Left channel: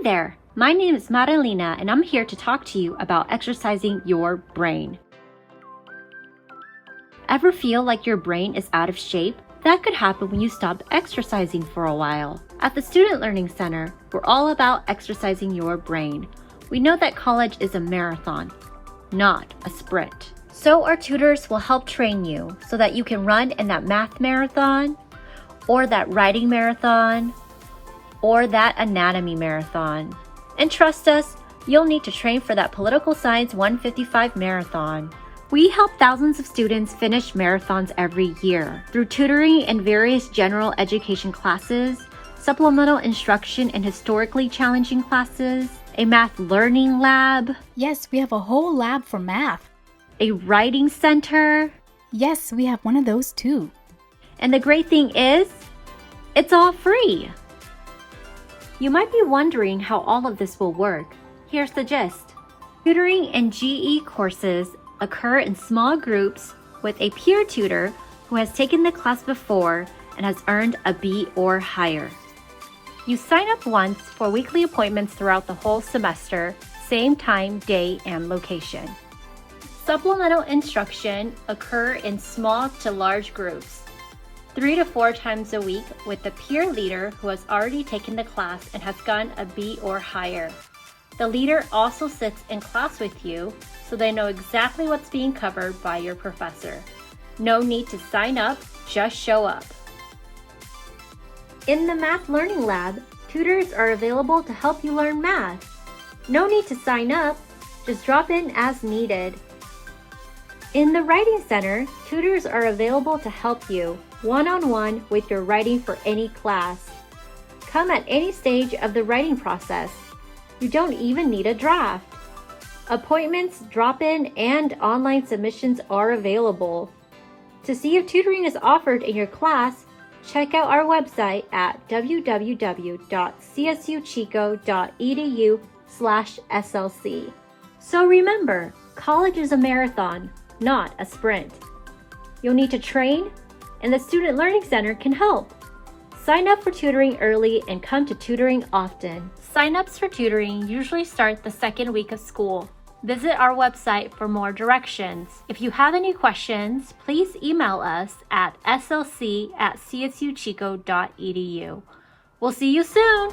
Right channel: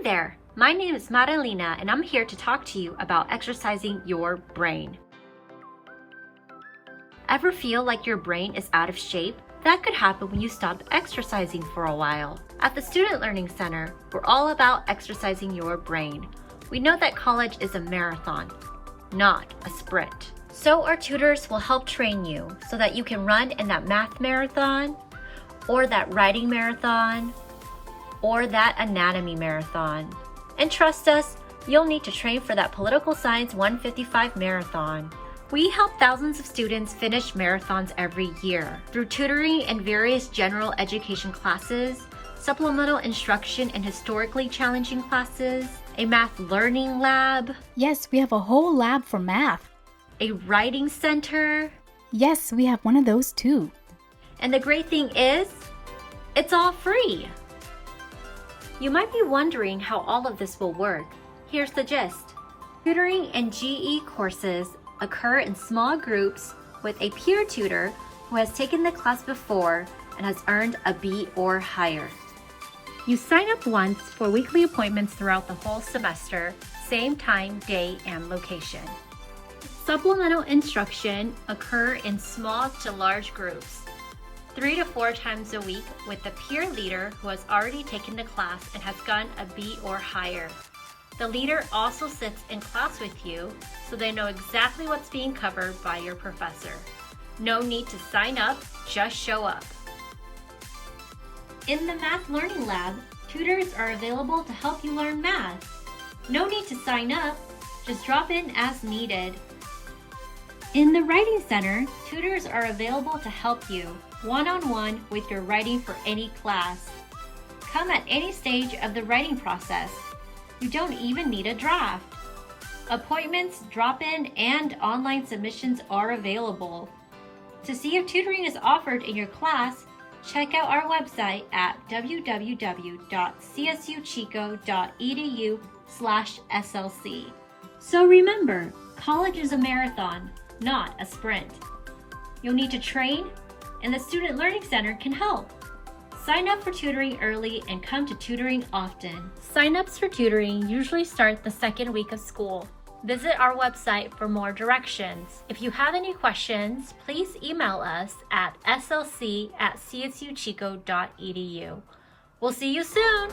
Hi there, my name is Marilena and I'm here to talk to you about exercising your brain. Ever feel like your brain is out of shape? That could happen when you stop exercising for a while. At the Student Learning Center, we're all about exercising your brain. We know that college is a marathon, not a sprint. So our tutors will help train you so that you can run in that math marathon, or that writing marathon, or that anatomy marathon. And trust us, you'll need to train for that political science 155 marathon. We help thousands of students finish marathons every year through tutoring and various general education classes, supplemental instruction in historically challenging classes, a math learning lab. Yes, we have a whole lab for math. A writing center. Yes, we have one of those too. And the great thing is, it's all free. You might be wondering how all of this will work. Here's the gist. Tutoring and GE courses occur in small groups with a peer tutor who has taken the class before and has earned a B or higher. You sign up once for weekly appointments throughout the whole semester, same time, day, and location. Supplemental instruction occur in small to large groups, 3 to 4 times a week with the peer leader who has already taken the class and has gotten a B or higher. The leader also sits in class with you so they know exactly what's being covered by your professor. No need to sign up, just show up. In the Math Learning Lab, tutors are available to help you learn math. No need to sign up, just drop in as needed. In the Writing Center, tutors are available to help you one-on-one with your writing for any class. Come at any stage of the writing process. You don't even need a draft. Appointments, drop-in, and online submissions are available. To see if tutoring is offered in your class, check out our website at www.csuchico.edu/SLC. So remember, college is a marathon, not a sprint. You'll need to train, and the Student Learning Center can help. Sign up for tutoring early and come to tutoring often. Sign-ups for tutoring usually start the second week of school. Visit our website for more directions. If you have any questions, please email us at slc@csuchico.edu. We'll see you soon!